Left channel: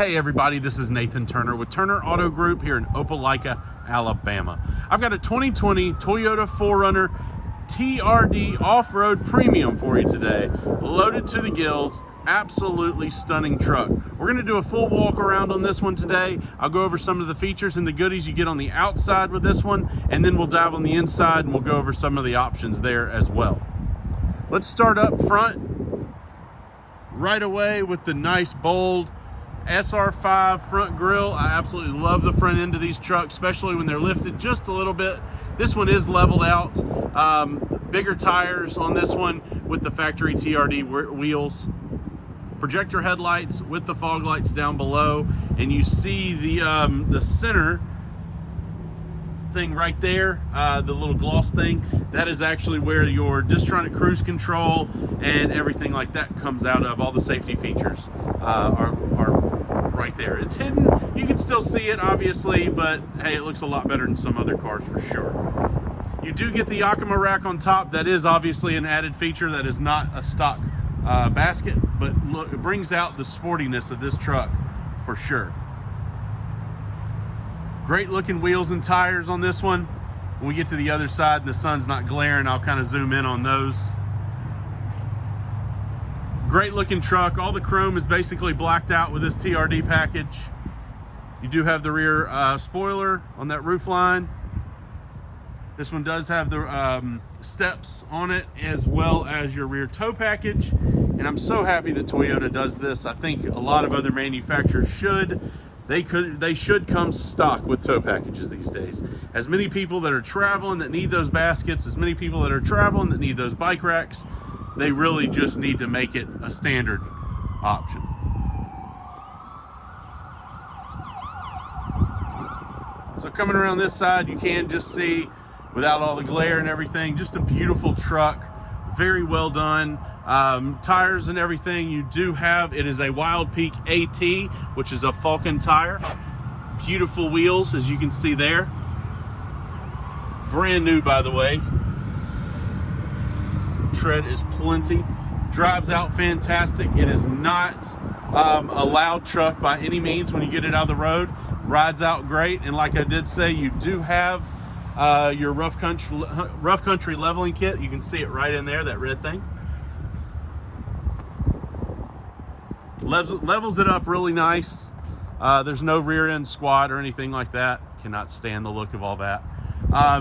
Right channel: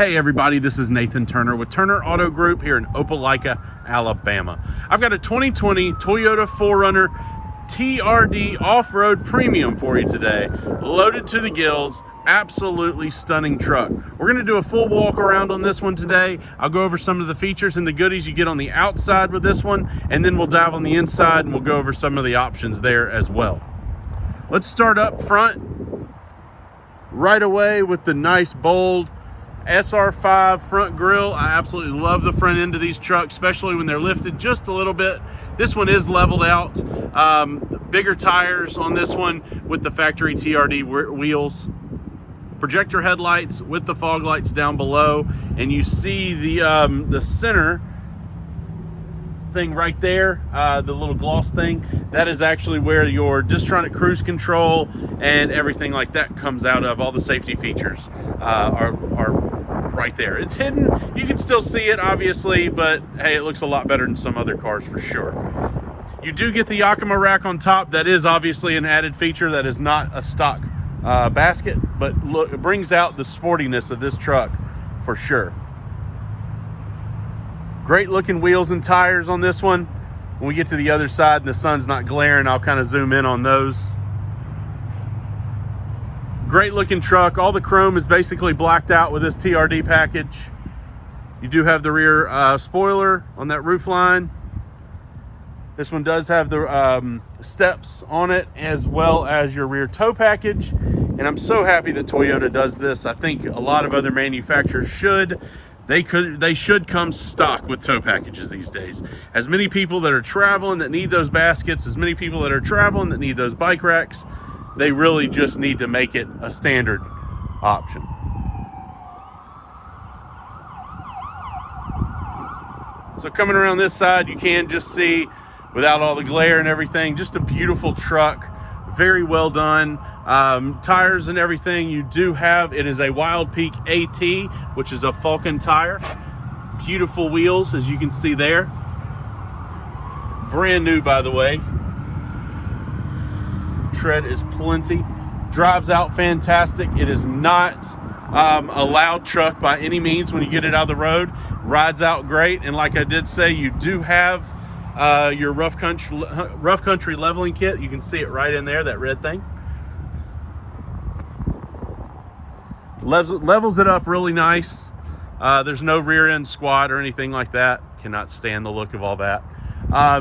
Hey everybody, this is Nathan Turner with Turner Auto Group here in Opelika, Alabama. I've got a 2020 Toyota 4Runner TRD off-road premium for you today, loaded to the gills. Absolutely stunning truck. We're going to do a full walk around on this one today. I'll go over some of the features and the goodies you get on the outside with this one, and then we'll dive on the inside and we'll go over some of the options there as well. Let's start up front right away with the nice bold SR5 front grille. I absolutely love the front end of these trucks, especially when they're lifted just a little bit. This one is leveled out. Bigger tires on this one with the factory TRD wheels. Projector headlights with the fog lights down below, and you see the center thing right there, the little gloss thing. That is actually where your Distronic cruise control and everything like that comes out of. All the safety features are right there. It's hidden. You can still see it, obviously, but hey, it looks a lot better than some other cars for sure. You do get the Yakima rack on top. That is obviously an added feature. That is not a stock basket, but look, it brings out the sportiness of this truck for sure. Great looking wheels and tires on this one. When we get to the other side and the sun's not glaring, I'll kind of zoom in on those. Great looking truck. All the chrome is basically blacked out with this TRD package. You do have the rear spoiler on that roof line. This one does have the steps on it, as well as your rear tow package. And I'm so happy that Toyota does this. I think a lot of other manufacturers should. They should come stock with tow packages these days. As many people that are traveling that need those baskets, as many people that are traveling that need those bike racks, they really just need to make it a standard option. So coming around this side, you can just see, without all the glare and everything, just a beautiful truck, very well done. Tires and everything you do have, it is a Wild Peak AT, which is a Falcon tire. Beautiful wheels, as you can see there. Brand new, by the way. Tread is plenty. Drives out fantastic. It is not a loud truck by any means when you get it out of the road. Rides out great, and like I did say, you do have your rough country leveling kit. You can see it right in there, that red thing. Levels it up really nice. There's no rear end squat or anything like that. Cannot stand the look of all that.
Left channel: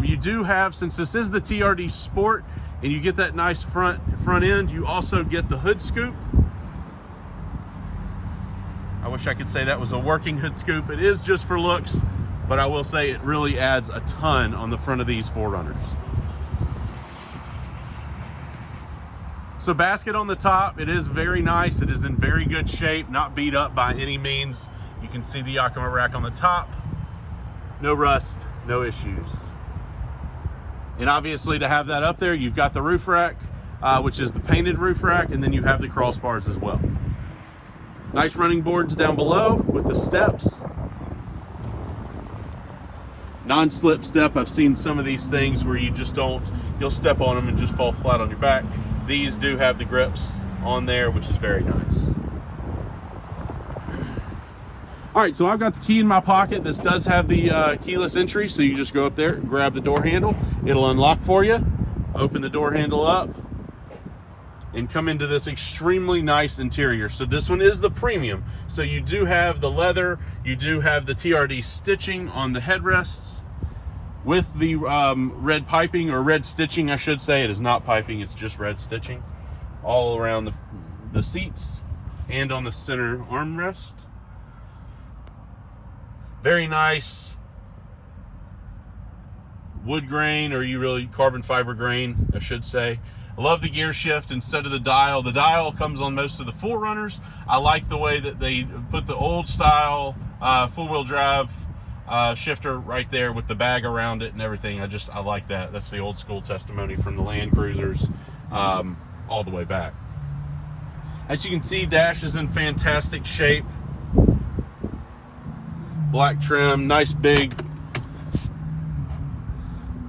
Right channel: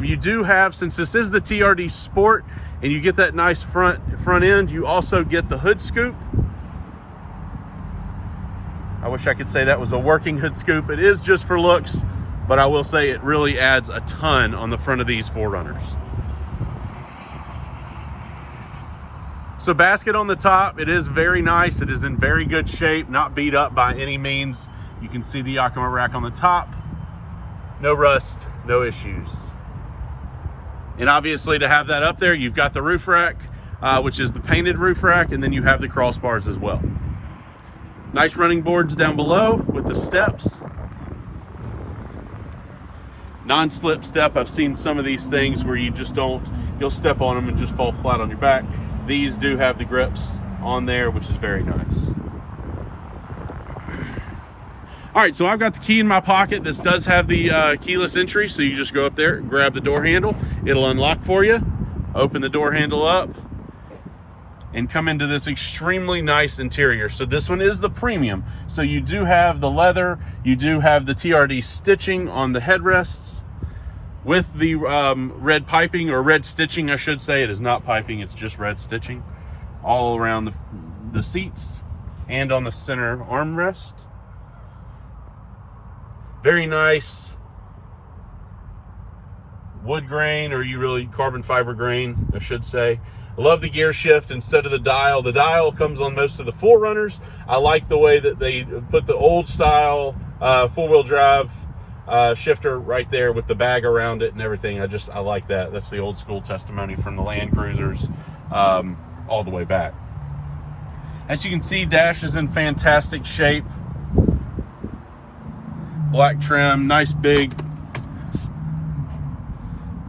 You do have, since this is the TRD Sport and you get that nice front end, you also get the hood scoop. I wish I could say that was a working hood scoop. It is just for looks, but I will say it really adds a ton on the front of these 4Runners. So basket on the top, it is very nice. It is in very good shape, not beat up by any means. You can see the Yakima rack on the top. No rust, no issues. And obviously to have that up there, you've got the roof rack, which is the painted roof rack, and then you have the crossbars as well. Nice running boards down below with the steps. Non-slip step. I've seen some of these things where you just you'll step on them and just fall flat on your back. These do have the grips on there, which is very nice. All right, so I've got the key in my pocket. This does have the keyless entry, so you just go up there, grab the door handle. It'll unlock for you. Open the door handle up and come into this extremely nice interior. So this one is the premium. So you do have the leather, you do have the TRD stitching on the headrests with the red piping, or red stitching, I should say. It is not piping, it's just red stitching all around the seats and on the center armrest. Very nice wood grain, or carbon fiber grain, I should say. I love the gear shift instead of the dial. The dial comes on most of the 4Runners. I like the way that they put the old style four-wheel drive shifter right there with the bag around it and everything. I like that. That's the old school testimony from the Land Cruisers all the way back. As you can see, dash is in fantastic shape. Black trim, nice big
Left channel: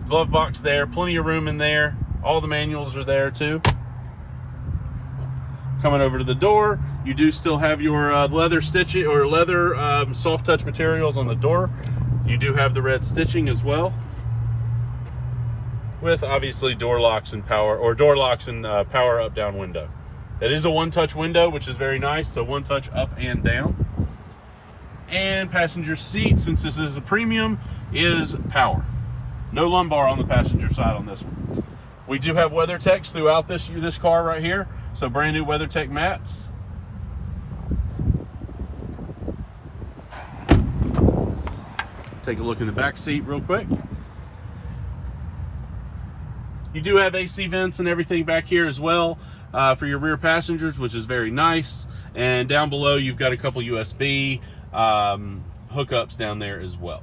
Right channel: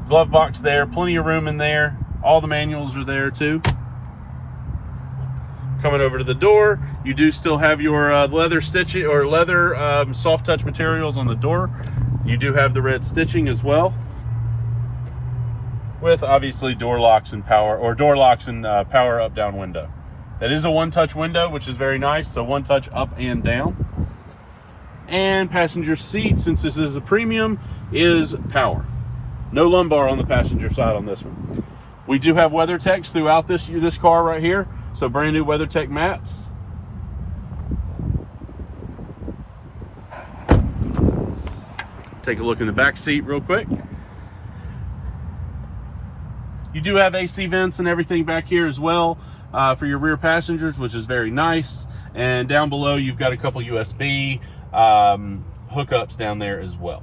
glove box there, plenty of room in there. All the manuals are there too. Coming over to the door, You do still have your leather stitching or leather soft touch materials on the door. You do have the red stitching as well, with obviously door locks and power power up down window. That is a one-touch window, which is very nice. So one touch up and down. And passenger seat, since this is a premium, is power. No lumbar on the passenger side on this one. We do have WeatherTechs throughout this car right here. So brand new WeatherTech mats. Take a look in the back seat real quick. You do have AC vents and everything back here as well for your rear passengers, which is very nice. And down below, you've got a couple USB hookups down there as well.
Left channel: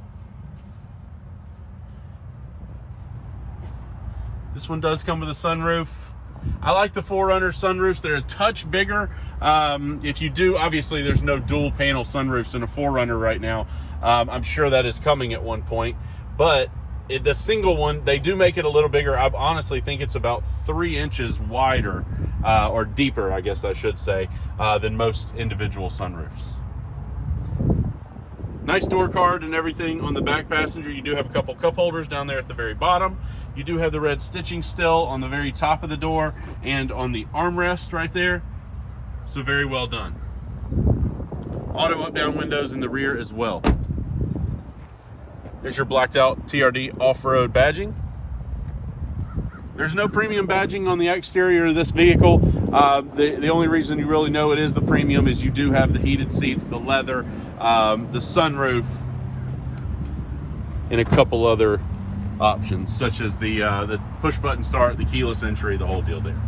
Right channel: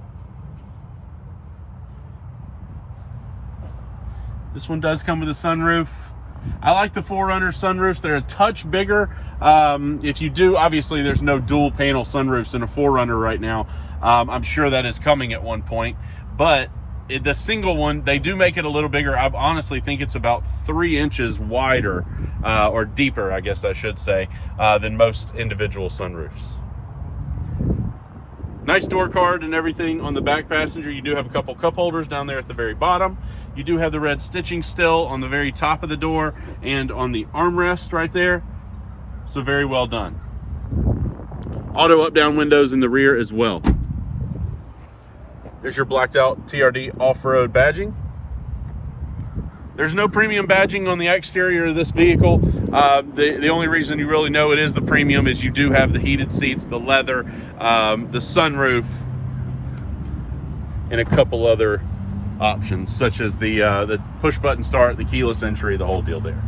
This one does come with a sunroof. I like the 4Runner sunroofs. They're a touch bigger. If you do, obviously there's no dual panel sunroofs in a 4Runner right now. I'm sure that is coming at one point, but the single one, they do make it a little bigger. I honestly think it's about 3 inches wider, or deeper, I guess I should say, than most individual sunroofs. Nice door card and everything on the back passenger. You do have a couple cup holders down there at the very bottom. You do have the red stitching still on the very top of the door and on the armrest right there. So very well done. Auto up-down windows in the rear as well. There's your blacked out TRD off-road badging. There's no premium badging on the exterior of this vehicle. The only reason you really know it is the premium is you do have the heated seats, the leather, the sunroof, and a couple other options, such as the push button start, the keyless entry, the whole deal there.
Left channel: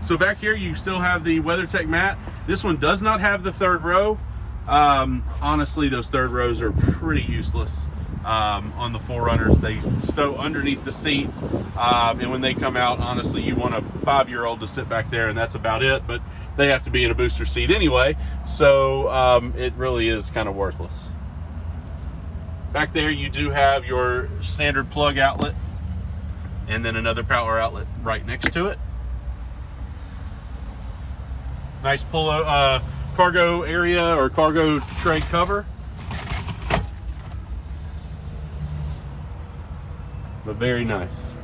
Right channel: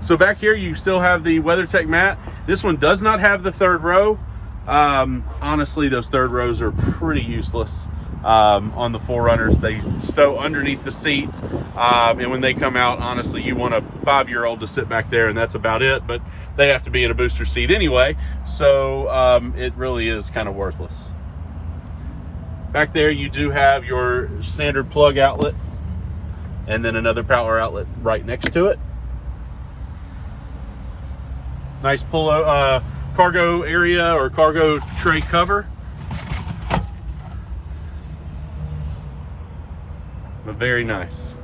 So back here, you still have the WeatherTech mat. This one does not have the third row. Honestly, those third rows are pretty useless. On the 4Runners, they stow underneath the seat, and when they come out, honestly, you want a 5-year-old to sit back there, and that's about it. But they have to be in a booster seat anyway, so it really is kind of worthless. Back there, you do have your standard plug outlet, and then another power outlet right next to it. Nice cargo area or cargo tray cover. But very nice.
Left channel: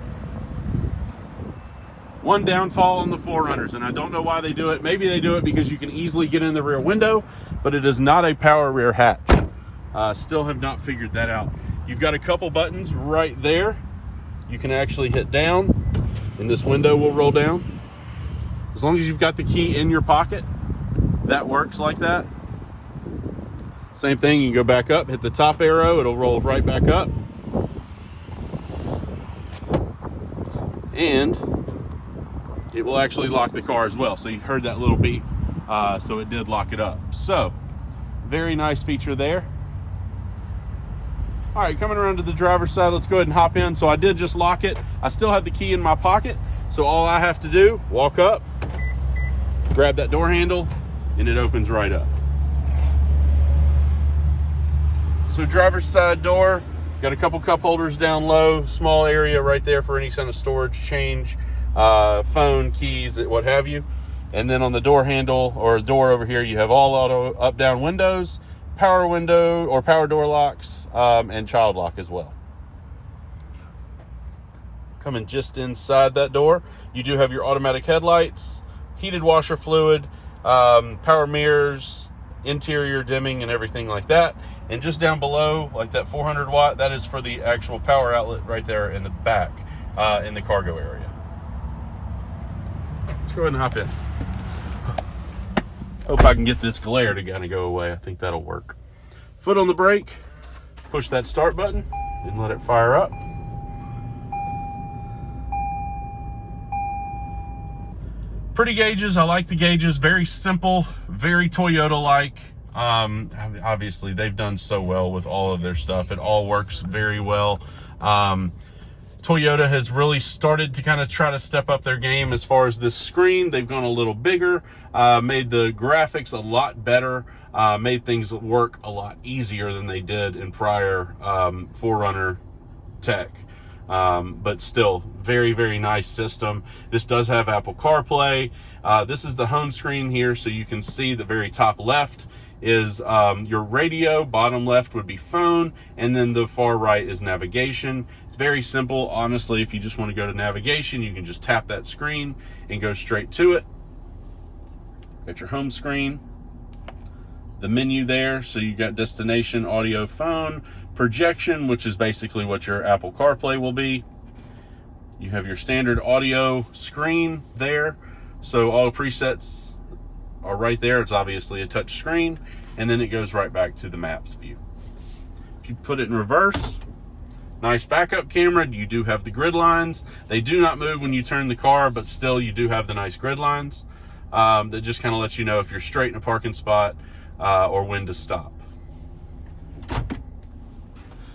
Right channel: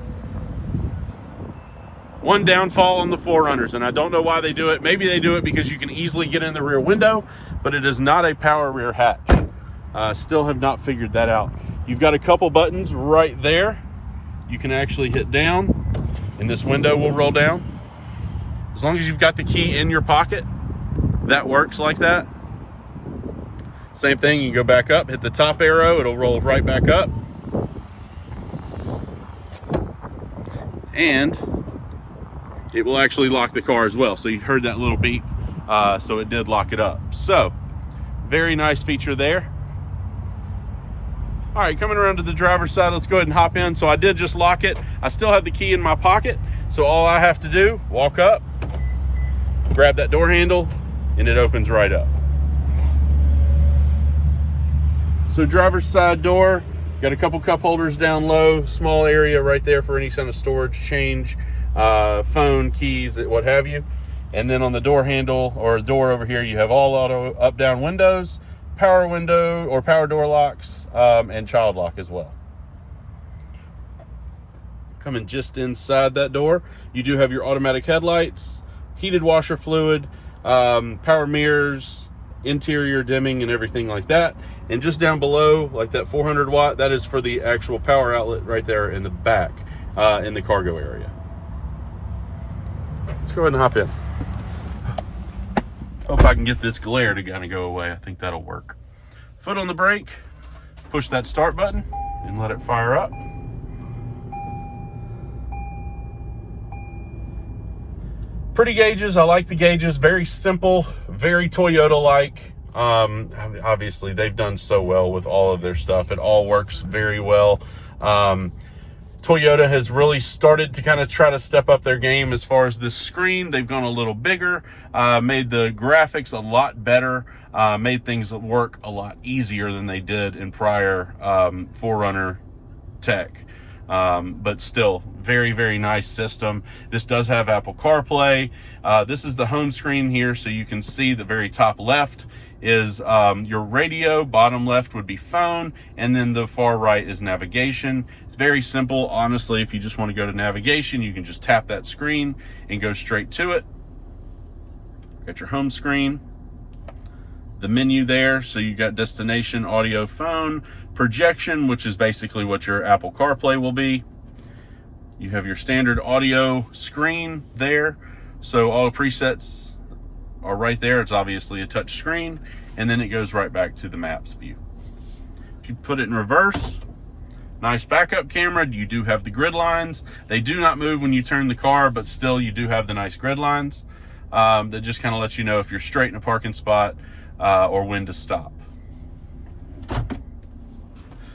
One downfall on the 4Runners, and I don't know why they do it. Maybe they do it because you can easily get in the rear window, but it is not a power rear hatch. Still have not figured that out. You've got a couple buttons right there. You can actually hit down, and this window will roll down. As long as you've got the key in your pocket, that works like that. Same thing, you can go back up, hit the top arrow, it'll roll right back up. And it will actually lock the car as well. So you heard that little beep, so it did lock it up. So very nice feature there. All right, coming around to the driver's side, let's go ahead and hop in. So I did just lock it. I still have the key in my pocket. So all I have to do, walk up, grab that door handle, and it opens right up. So driver's side door, got a couple cup holders down low, small area right there for any kind of storage, change, phone, keys, what have you. And then on the door handle or door over here, you have all auto up-down windows, power window or power door locks, and child lock as well. Coming just inside that door, you do have your automatic headlights, heated washer fluid, power mirrors, interior dimming and everything like that. And just down below, like that 400 watt, that is for the actual power outlet right there in the back, in the cargo area. Let's go ahead and hop in. Hope I can get this glare to kind of go away. I think that'll work. Foot on the brake, push that start button and let it fire up. Pretty gauges, I like the gauges, very simple, very Toyota-like. Obviously they've done so well with all of their stuff. It all works very well. Toyota has really started to kind of try to step up their game as far as this screen. They've gone a little bigger, made the graphics a lot better, made things work a lot easier than they did in prior 4Runner tech. but still very, very nice system. This does have Apple CarPlay. This is the home screen here, so you can see the very top left is your radio, bottom left would be phone, and then the far right is navigation. It's very simple. Honestly, if you just want to go to navigation, you can just tap that screen and go straight to it. Got your home screen, the menu there, so you got destination, audio, phone, projection, which is basically what your Apple CarPlay will be. You have your standard audio screen there, so all the presets are right there. It's obviously a touch screen, and then it goes right back to the maps view. If you put it in reverse, nice backup camera. You do have the grid lines. They do not move when you turn the car, but still you do have the nice grid lines that just kind of lets you know if you're straight in a parking spot or when to stop.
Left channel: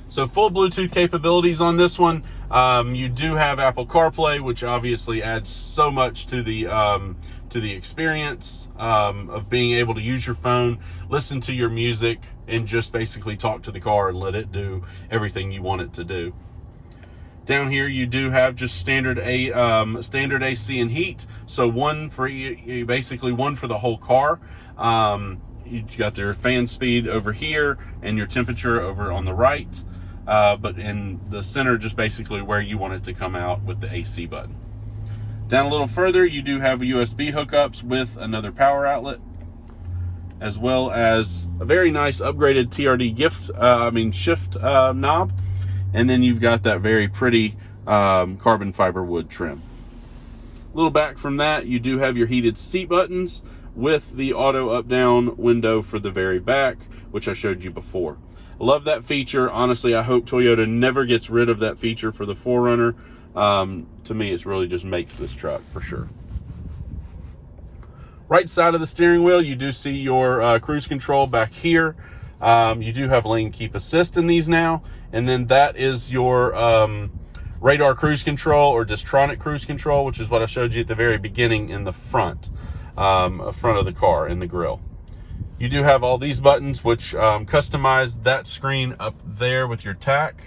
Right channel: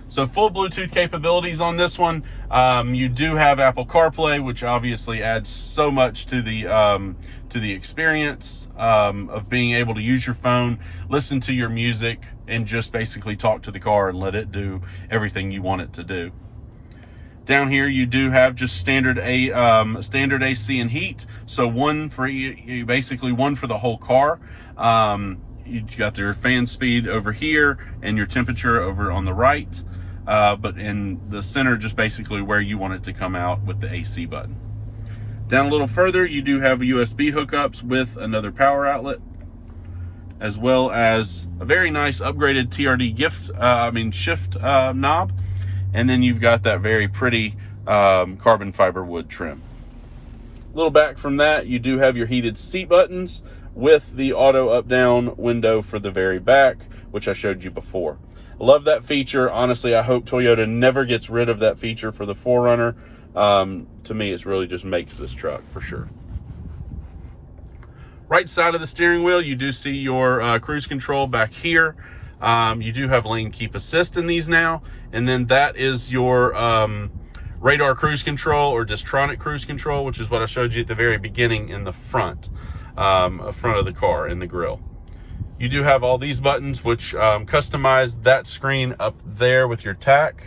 So full Bluetooth capabilities on this one. You do have Apple CarPlay, which obviously adds so much to the experience of being able to use your phone, listen to your music, and just basically talk to the car and let it do everything you want it to do. Down here, you do have just standard AC and heat. So one for basically one for the whole car. You got their fan speed over here and your temperature over on the right. But in the center, just basically where you want it to come out with the AC button. Down a little further, you do have USB hookups with another power outlet, as well as a very nice upgraded TRD shift knob. And then you've got that very pretty carbon fiber wood trim. A little back from that, you do have your heated seat buttons with the auto up-down window for the very back, which I showed you before. Love that feature. Honestly, I hope Toyota never gets rid of that feature for the 4Runner. To me, it really just makes this truck for sure. Right side of the steering wheel, you do see your cruise control back here. You do have lane keep assist in these now. And then that is your radar cruise control or Distronic cruise control, which is what I showed you at the very beginning in the front of the car in the grille. You do have all these buttons, which customize that screen up there with your tack.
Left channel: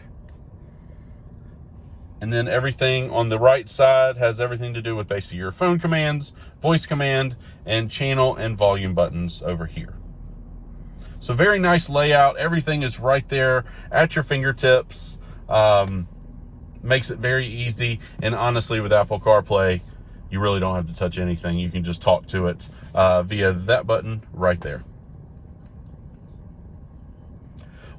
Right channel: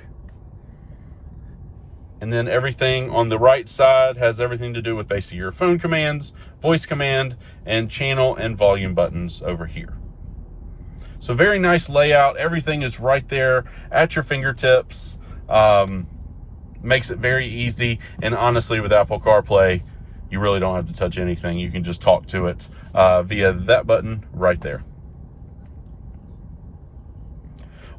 And then everything on the right side has everything to do with basically your phone commands, voice command, and channel and volume buttons over here. So very nice layout. Everything is right there at your fingertips. Makes it very easy. And honestly, with Apple CarPlay, you really don't have to touch anything. You can just talk to it via that button right there.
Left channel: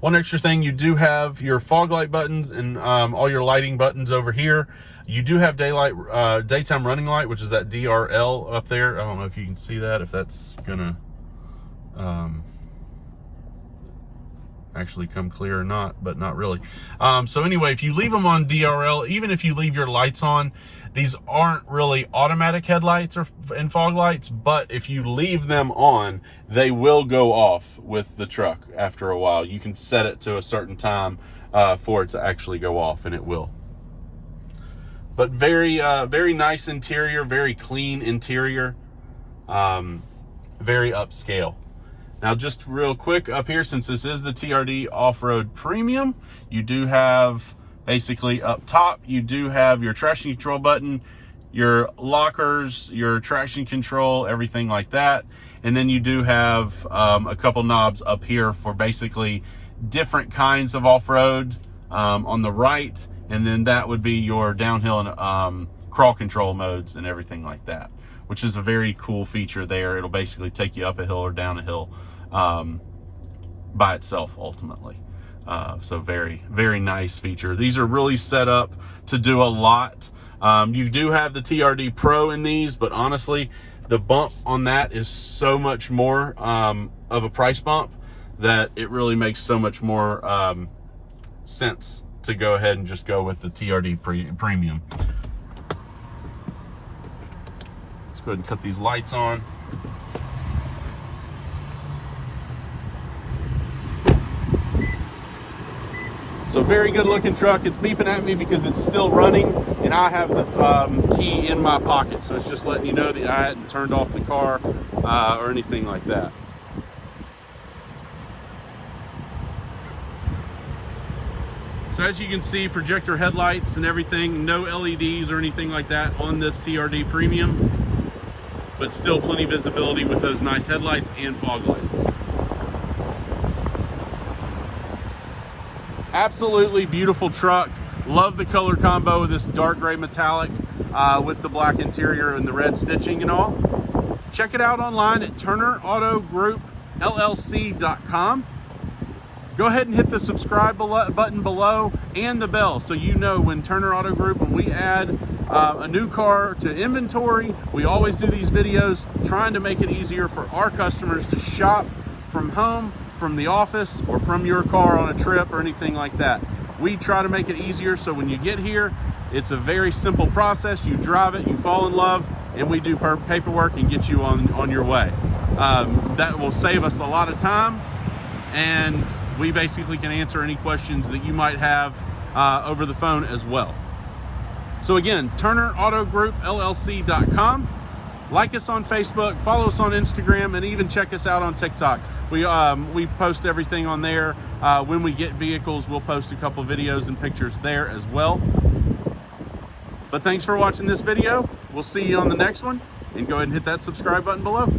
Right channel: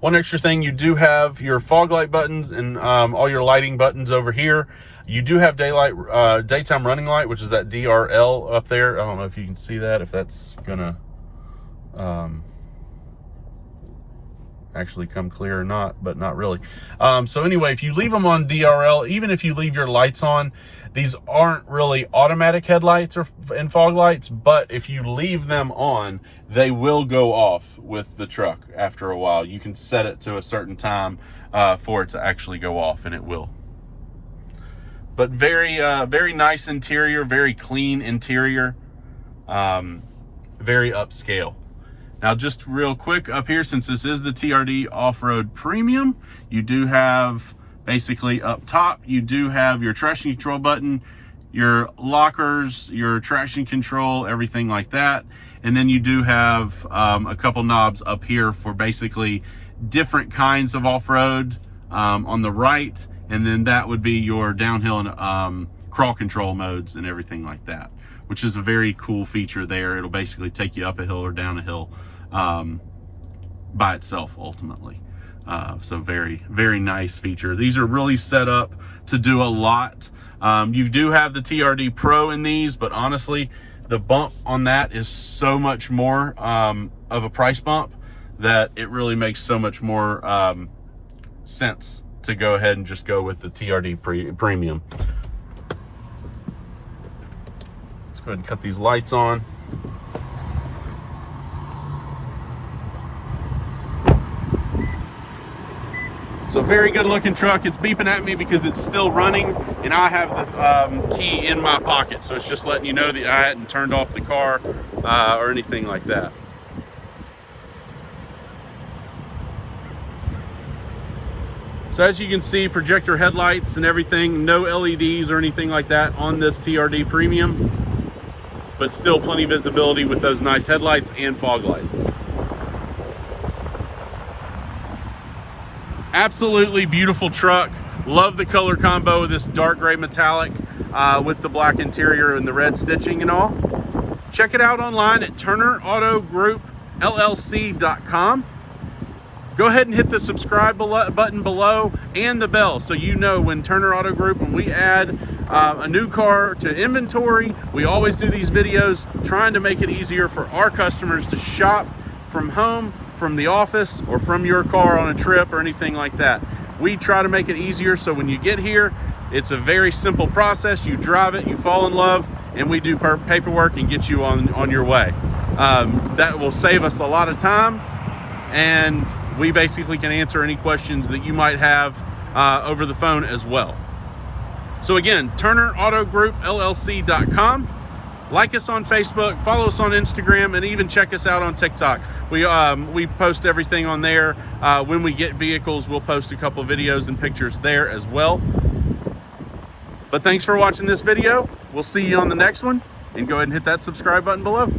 One extra thing, you do have your fog light buttons and all your lighting buttons over here. You do have daytime running light, which is that DRL up there. I don't know if you can see that, if that's gonna actually come clear or not, but not really. So anyway, if you leave them on DRL, even if you leave your lights on, these aren't really automatic headlights and fog lights, but if you leave them on, they will go off with the truck after a while. You can set it to a certain time for it to actually go off, and it will. But very nice interior, very clean interior, very upscale. Now, just real quick up here, since this is the TRD Off-Road Premium, you do have basically up top, you do have your traction control button, your lockers, your traction control, everything like that. And then you do have a couple knobs up here for basically different kinds of off-road on the right. And then that would be your downhill and crawl control modes and everything like that, which is a very cool feature there. It'll basically take you up a hill or down a hill by itself ultimately. So very, very nice feature. These are really set up to do a lot. You do have the TRD Pro in these, but honestly, the bump on that is so much more of a price bump that it really makes so much more sense to go ahead and just go with the TRD Premium. Let's go ahead and cut these lights on. So very good looking truck. It's beeping at me because it's still running and I have the key in my pocket. So it's just letting you know that I hadn't turned off the car or anything like that. So as you can see, projector headlights and everything, no LEDs or anything like that on this TRD Premium, but still plenty of visibility with those nice headlights and fog lights. Absolutely beautiful truck. Love the color combo of this dark gray metallic with the black interior and the red stitching and all. Check it out online at TurnerAutoGroupLLC.com. Go ahead and hit the subscribe button below and the bell so you know when Turner Auto Group, when we add a new car to inventory. We always do these videos trying to make it easier for our customers to shop from home, from the office, or from your car on a trip or anything like that. We try to make it easier so when you get here, it's a very simple process. You drive it, you fall in love, and we do paperwork and get you on your way. That will save us a lot of time, and we basically can answer any questions that you might have over the phone as well. So again, TurnerAutoGroupLLC.com. Like us on Facebook, follow us on Instagram, and even check us out on TikTok. We post everything on there. When we get vehicles, we'll post a couple videos and pictures there as well. But thanks for watching this video. We'll see you on the next one, and go ahead and hit that subscribe button below.